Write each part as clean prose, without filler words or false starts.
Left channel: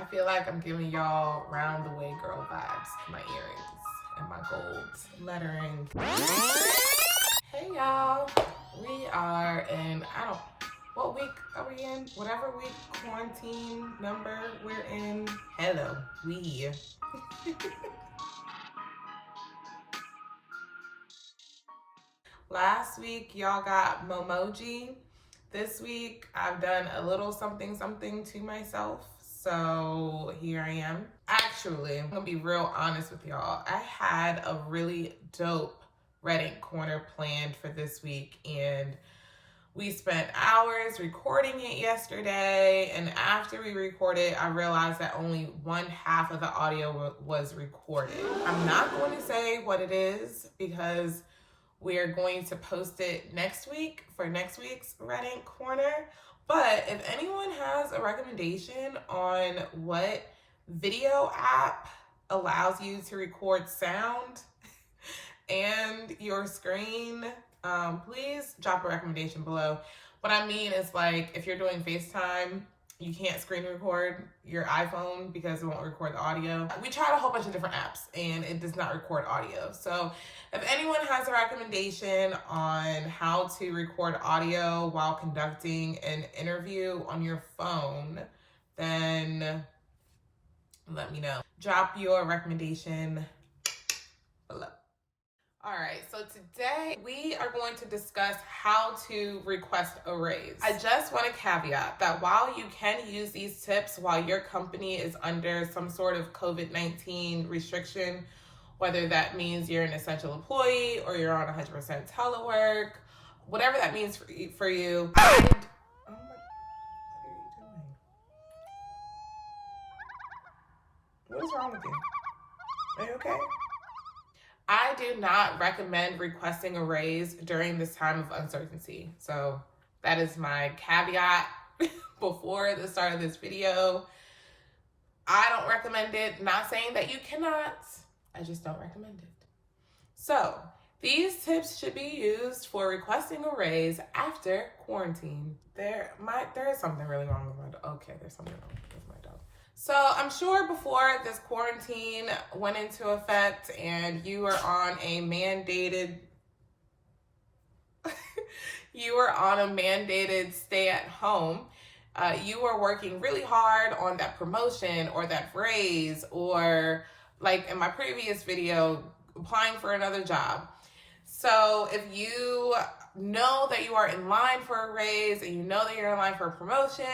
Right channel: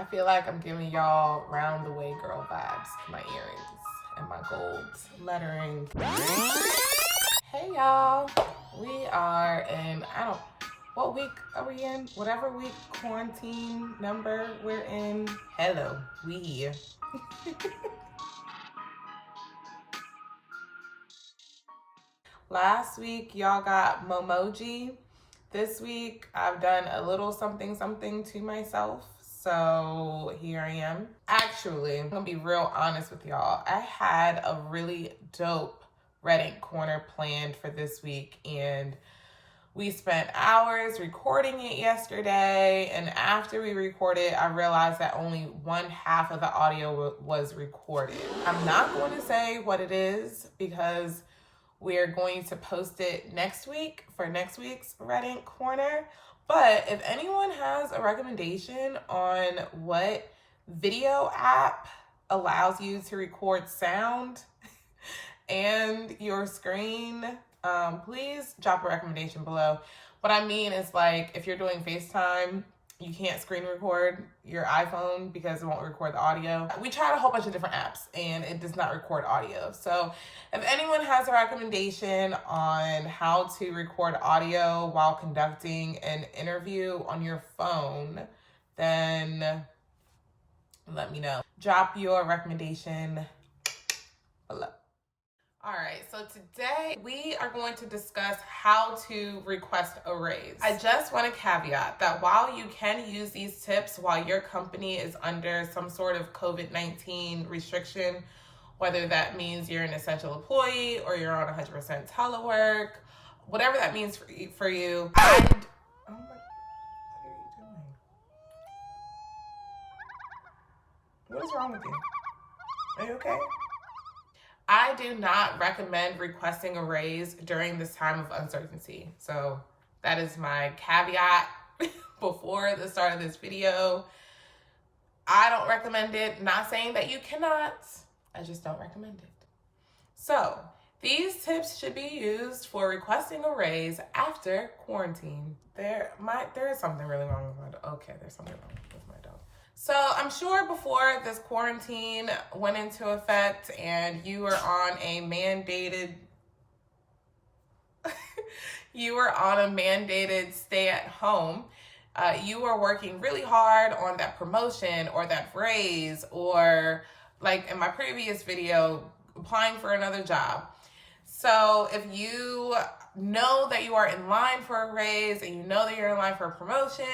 I feel like I'm giving y'all round the way girl vibes. My earrings and my gold lettering. Hey y'all, we are in, what week are we in? Whatever week quarantine number we're in. Hello, we here. Last week y'all got Momoji. This week I've done a little something to myself. So here I am. Actually, I'm gonna be real honest with y'all. I had a really dope Red Ink Corner planned for this week, and we spent hours recording it yesterday, and after we recorded, I realized that only one half of the audio was recorded. I'm not going to say what it is because we're going to post it next week for next week's Red Ink Corner. But if anyone has a recommendation on what video app allows you to record sound and your screen, please drop a recommendation below. What I mean is, like, if you're doing FaceTime, you can't screen record your iPhone because it won't record the audio. We tried a whole bunch of different apps and it does not record audio. So if anyone has a recommendation on how to record audio while conducting an interview on your phone, then let me know. Drop your recommendation below. All right, so today we are going to discuss how to request a raise. I just want to caveat that while you can use these tips while your company is under some sort of COVID-19 restriction, whether that means you're an essential employee or you're on 100% telework, whatever that means for you, oh my, what are you doing? What is wrong with you? Are you okay? I do not recommend requesting a raise during this time of uncertainty. So that is my caveat before the start of this video. I don't recommend it. Not saying that you cannot. I just don't recommend it. So these tips should be used for requesting a raise after quarantine. There is something really wrong with my dog. Okay, there's something wrong with my dog. So I'm sure before this quarantine went into effect and you were on a mandated stay at home, you were working really hard on that promotion or that raise, or like in my previous video, applying for another job. So if you know that you are in line for a raise and you know that you're in line for a promotion,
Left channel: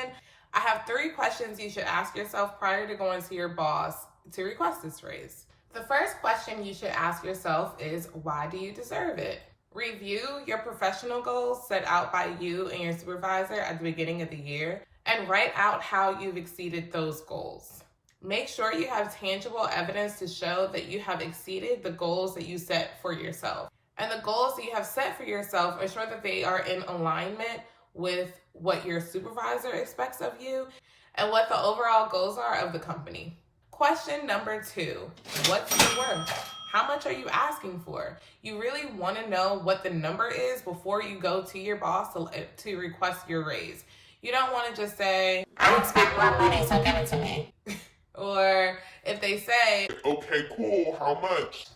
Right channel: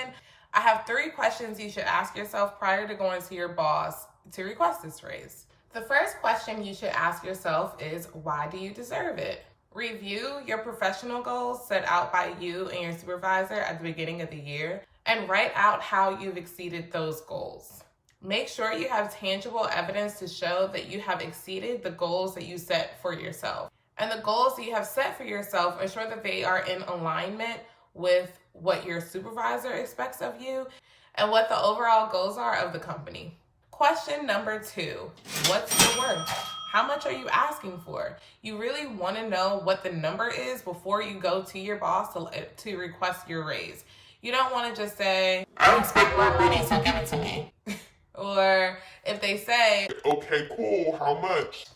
I have 3 questions you should ask yourself prior to going to your boss to request this raise. The first question you should ask yourself is, why do you deserve it? Review your professional goals set out by you and your supervisor at the beginning of the year and write out how you've exceeded those goals. Make sure you have tangible evidence to show that you have exceeded the goals that you set for yourself. And the goals that you have set for yourself, ensure that they are in alignment with what your supervisor expects of you and what the overall goals are of the company. Question number 2, what's your worth? How much are you asking for? You really want to know what the number is before you go to your boss to request your raise. You don't want to just say, I expect more money, so give it to me. Or if they say, okay, cool, how much?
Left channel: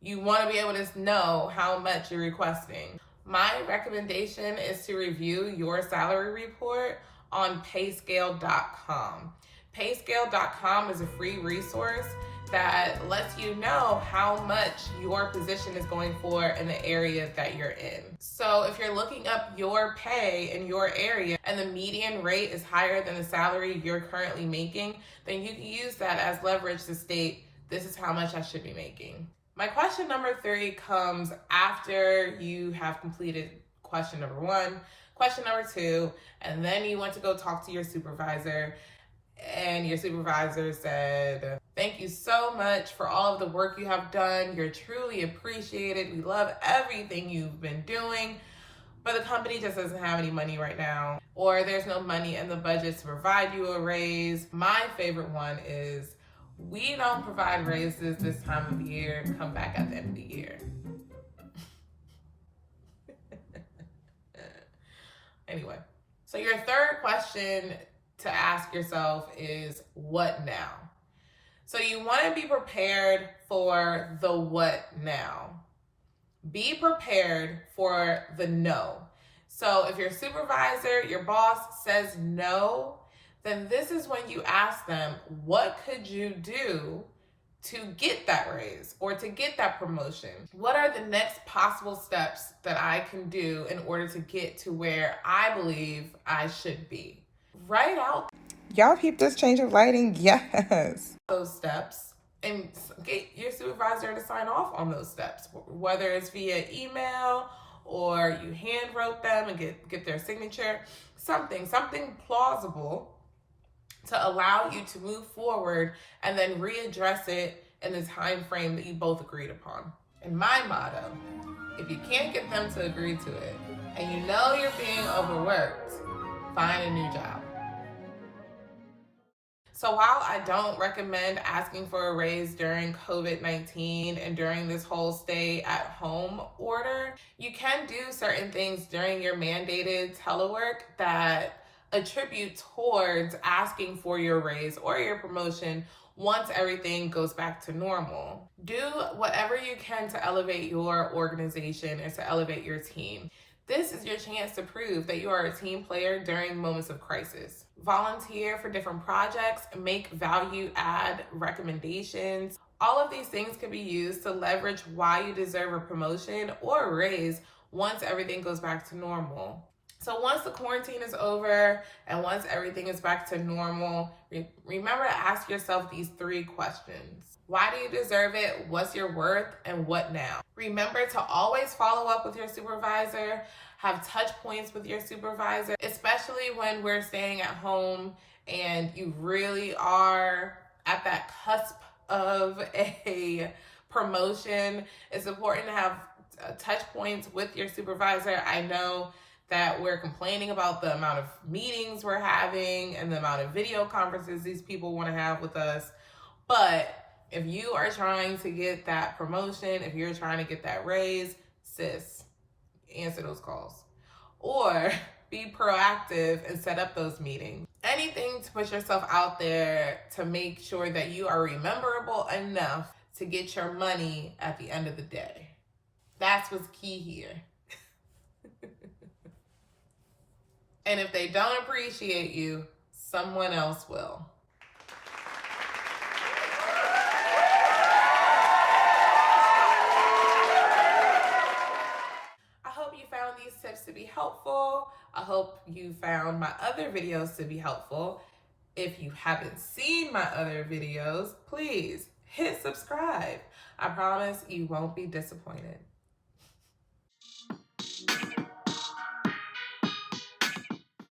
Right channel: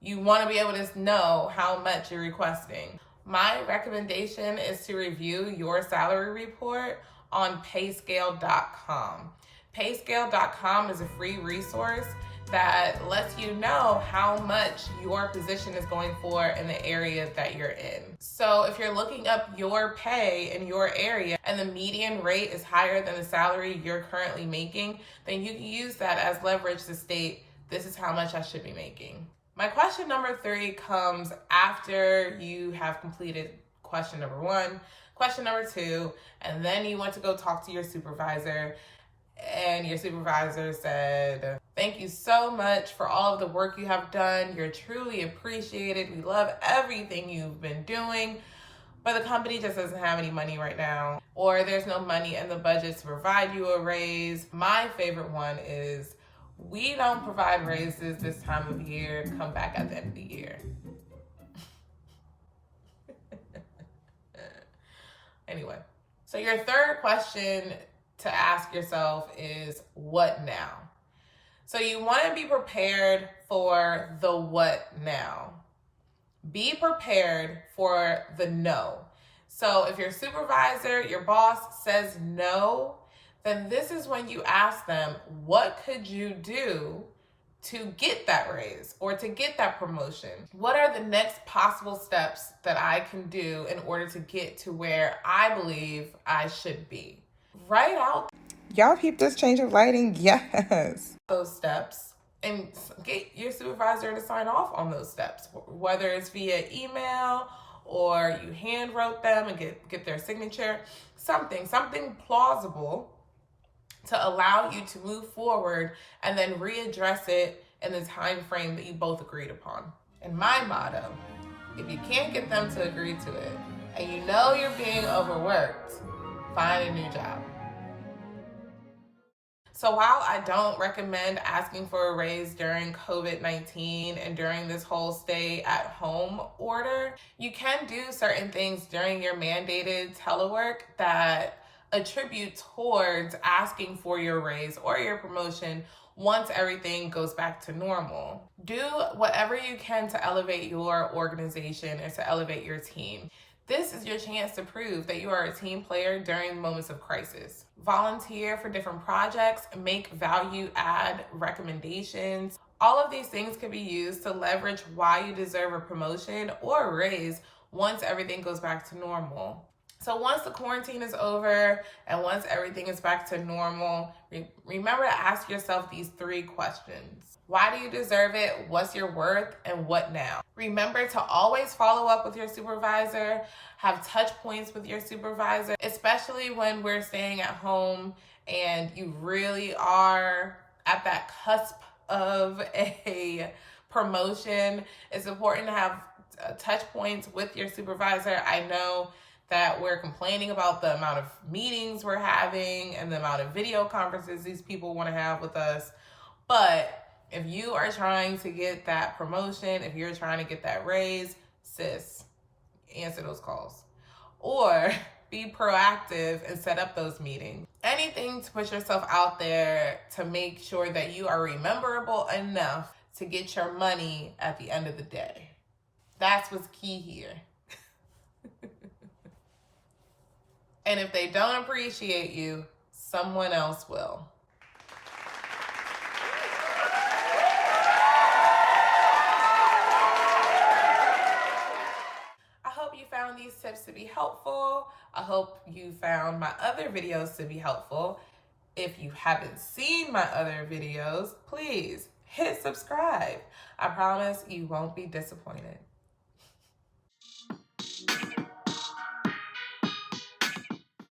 You want to be able to know how much you're requesting. My recommendation is to review your salary report on payscale.com. Payscale.com is a free resource that lets you know how much your position is going for in the area that you're in. So if you're looking up your pay in your area and the median rate is higher than the salary you're currently making, then you can use that as leverage to state, this is how much I should be making. My question number 3 comes after you have completed question number 1, question number 2, and then you want to go talk to your supervisor, and your supervisor said, thank you so much for all of the work you have done. You're truly appreciated. We love everything you've been doing, but the company just doesn't have any money right now, or there's no money in the budget to provide you a raise. My favorite one is, we don't provide raises this time of the year. Come back at the end of the year. Anyway, so your third question to ask yourself is, what now? So you want to be prepared for the what now. Be prepared for the no. So if your supervisor, your boss says no, then this is when you ask them, what could you do to get that raise or to get that promotion? What are the next possible steps that I can do in order to get to where I believe I should be? Write out Y'all peep this change of lighting? Yes. those steps and get your supervisor to sign off on those steps, whether it's via email or you hand wrote them and get their signature, something plausible to allow you to move forward and then readdress it in the time frame that you both agreed upon. And my motto, if you can't get them to agree to it and you know you're being overworked, find a new job. So while I don't recommend asking for a raise during COVID-19 and during this whole stay at home order, you can do certain things during your mandated telework that attribute towards asking for your raise or your promotion once everything goes back to normal. Do whatever you can to elevate your organization and to elevate your team. This is your chance to prove that you are a team player during moments of crisis. Volunteer for different projects, make value add recommendations. All of these things can be used to leverage why you deserve a promotion or a raise once everything goes back to normal. So once the quarantine is over and once everything is back to normal, remember to ask yourself these 3 questions. Why do you deserve it? What's your worth? And what now? Remember to always follow up with your supervisor, have touch points with your supervisor, especially when we're staying at home and you really are at that cusp of a promotion. It's important to have touch points with your supervisor. I know that we're complaining about the amount of meetings we're having and the amount of video conferences these people want to have with us. But if you are trying to get that promotion, if you're trying to get that raise, sis, answer those calls. Or be proactive and set up those meetings. Anything to put yourself out there to make sure that you are rememberable enough to get your money at the end of the day. That's what's key here. And if they don't appreciate you, someone else will. I hope you found these tips to be helpful. I hope you found my other videos to be helpful. If you haven't seen my other videos, please hit subscribe. I promise you won't be disappointed.